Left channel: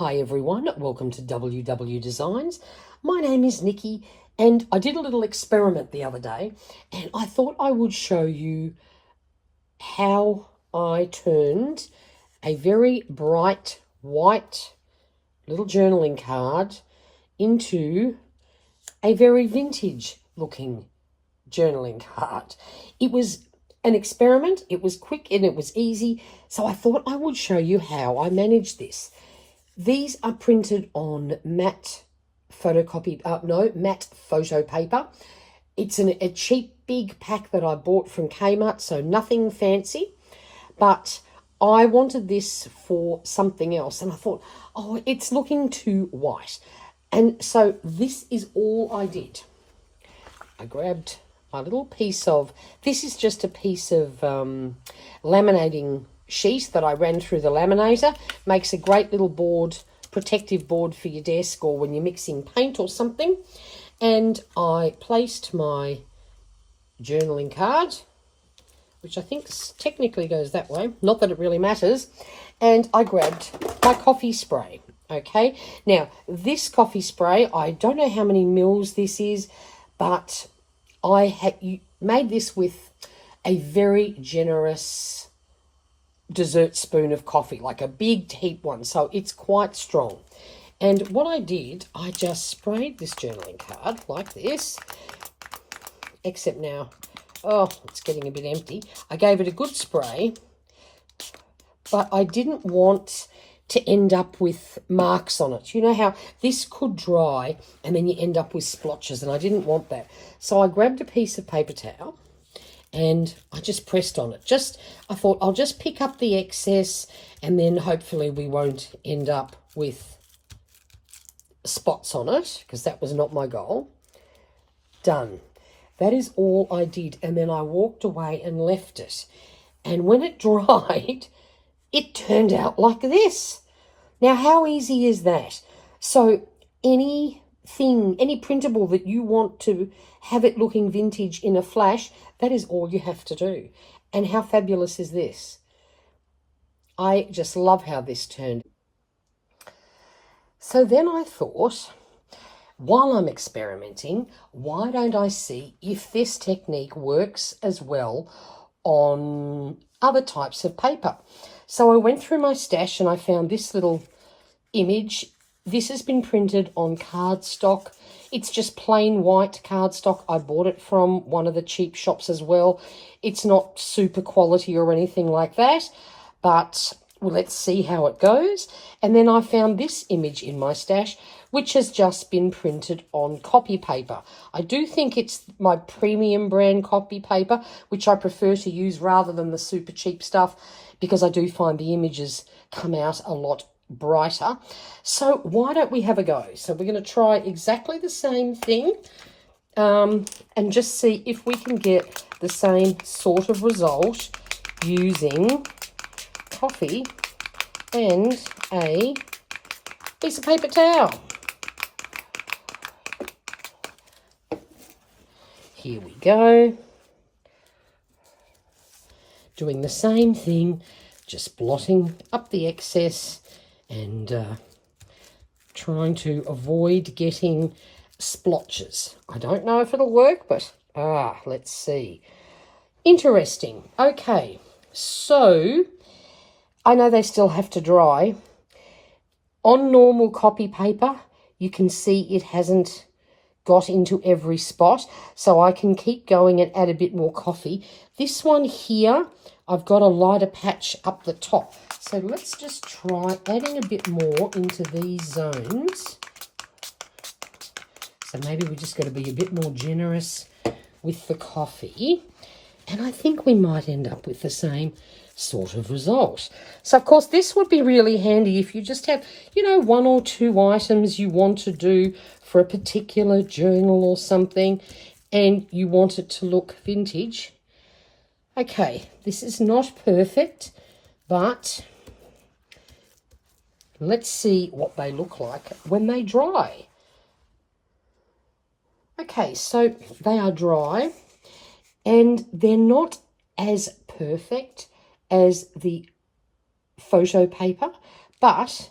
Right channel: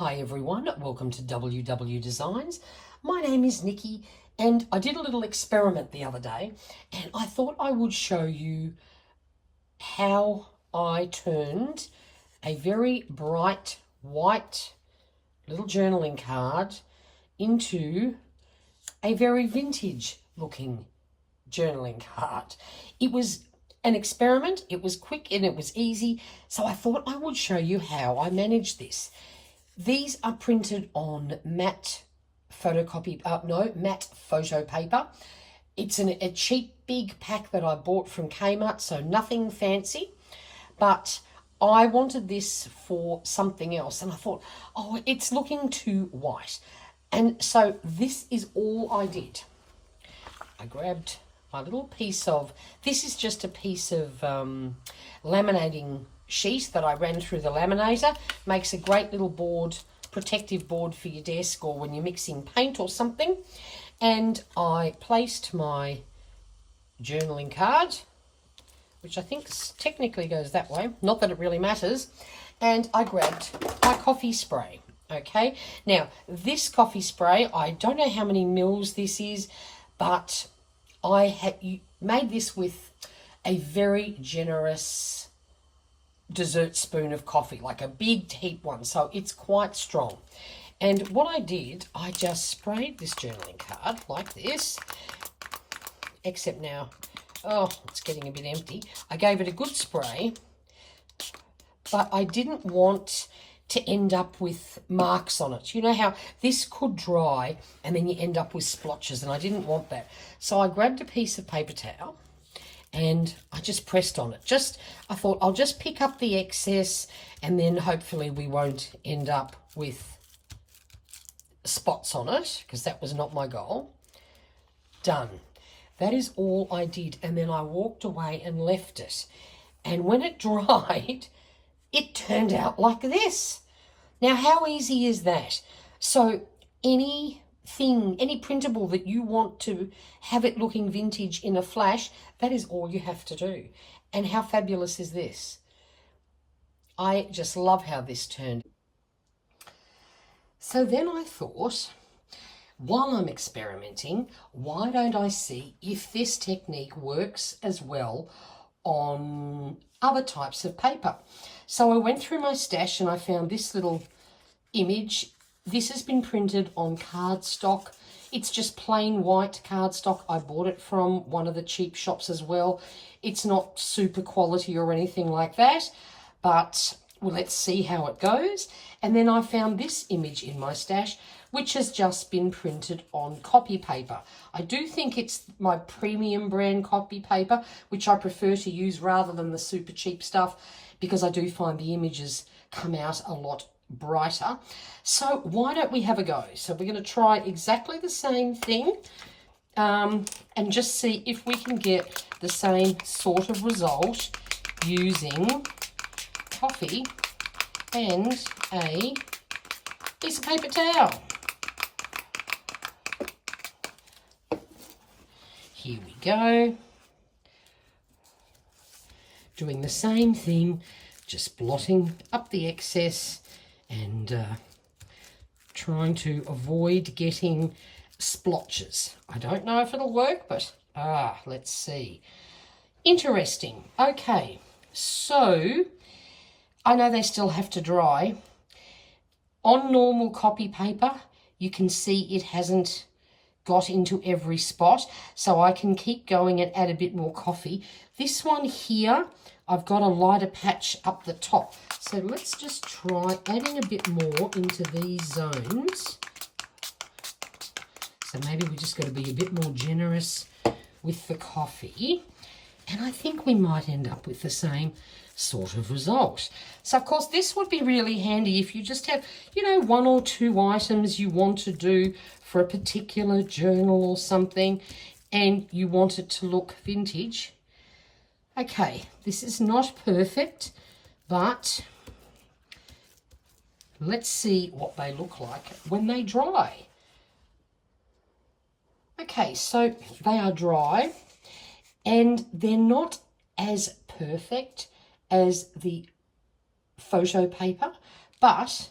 Hi everyone, welcome to WW Designs. My name is Nikki and I did a little experiment the other day and I thought I would show you how I turned a very bright white little journaling card into a very vintage looking journaling card. It was an experiment, it was quick and it was easy, so I thought I would show you how I managed this. These are printed on matte photo paper. It's a cheap big pack that I bought from Kmart, so nothing fancy. But I wanted this for something else, and I thought, oh, it's looking too white. And so this is all I did. I grabbed my little piece of, this is just a piece of laminating sheet that I ran through the laminator. Makes a great little board, protective board for your desk or when you're mixing paint or something. And I placed my journaling card, which I think technically goes that way, not that it really matters, and I grabbed my coffee spray. Okay, now this coffee spray, I don't know how many mils this is, but I had made this with a very generous dessert spoon of coffee, like a big heap one, so it's quite strong. And what I did, I just sprayed this journaling card like this, except now, oh, it's getting a bit empty. I gave it a good spray, but I didn't want to end up with marks on it. You know how this could dry and then you end up with splotches, and I didn't want that. So I grabbed a piece of paper towel and I just pressed on it. I thought I'll just pick up the excess and then hopefully we won't end up with spots on it, because that was not my goal. Done. That is all I did, and then I walked away and left it. And when it dried, it turned out like this. Now, how easy is that? So any printable that you want to have it looking vintage in a flash, that is all you have to do. And how fabulous is this? I just love how this turned. So then I thought, while I'm experimenting, why don't I see if this technique works as well on other types of paper? So I went through my stash and I found this little image. This has been printed on cardstock. It's just plain white cardstock. I bought it from one of the cheap shops as well. It's not super quality or anything like that, but let's see how it goes. And then I found this image in my stash, which has just been printed on copy paper. I do think it's my premium brand copy paper, which I prefer to use rather than the super cheap stuff, because I do find the images come out a lot brighter. So why don't we have a go? So we're going to try exactly the same thing and just see if we can get the same sort of result using coffee and a piece of paper towel. Here we go. Doing the same thing, just blotting up the excess and trying to avoid getting splotches. I don't know if it'll work, but let's see. Interesting. Okay, so I know they still have to dry. On normal copy paper, you can see it hasn't got into every spot, so I can keep going and add a bit more coffee. This one here, I've got a lighter patch up the top, so let's just try adding a bit more into these zones. So maybe we just got to be a bit more generous with the coffee, and I think we might end up with the same sort of result. So of course this would be really handy if you just have, you know, one or two items you want to do for a particular journal or something and you want it to look vintage. Okay, this is not perfect, but let's see what they look like when they dry. Okay, so they are dry and they're not as perfect as the photo paper, but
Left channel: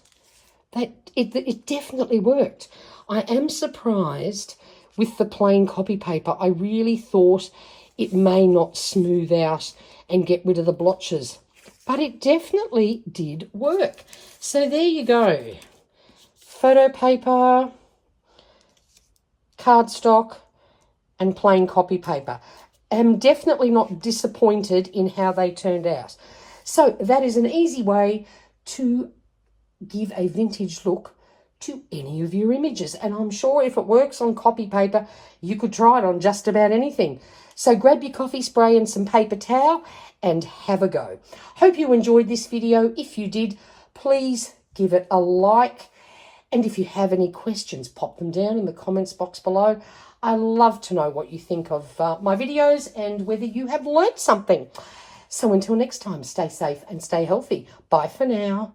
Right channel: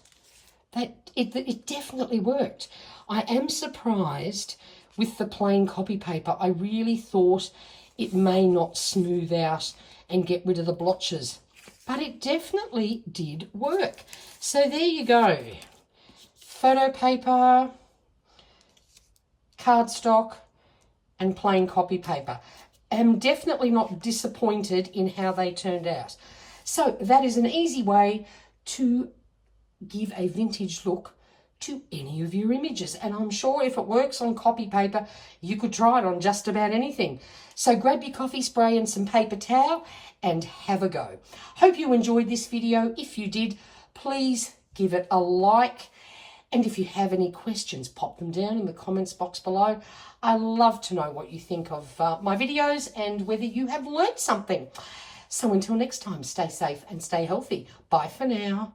that it definitely worked. I am surprised with the plain copy paper. I really thought it may not smooth out and get rid of the blotches, but it definitely did work. So there you go. Photo paper, cardstock, and plain copy paper. I'm definitely not disappointed in how they turned out. So that is an easy way to give a vintage look to any of your images. And I'm sure if it works on copy paper, you could try it on just about anything. So grab your coffee spray and some paper towel and have a go. Hope you enjoyed this video. If you did, please give it a like. And if you have any questions, pop them down in the comments box below. I love to know what you think of my videos and whether you have learnt something. So until next time, stay safe and stay healthy. Bye for now.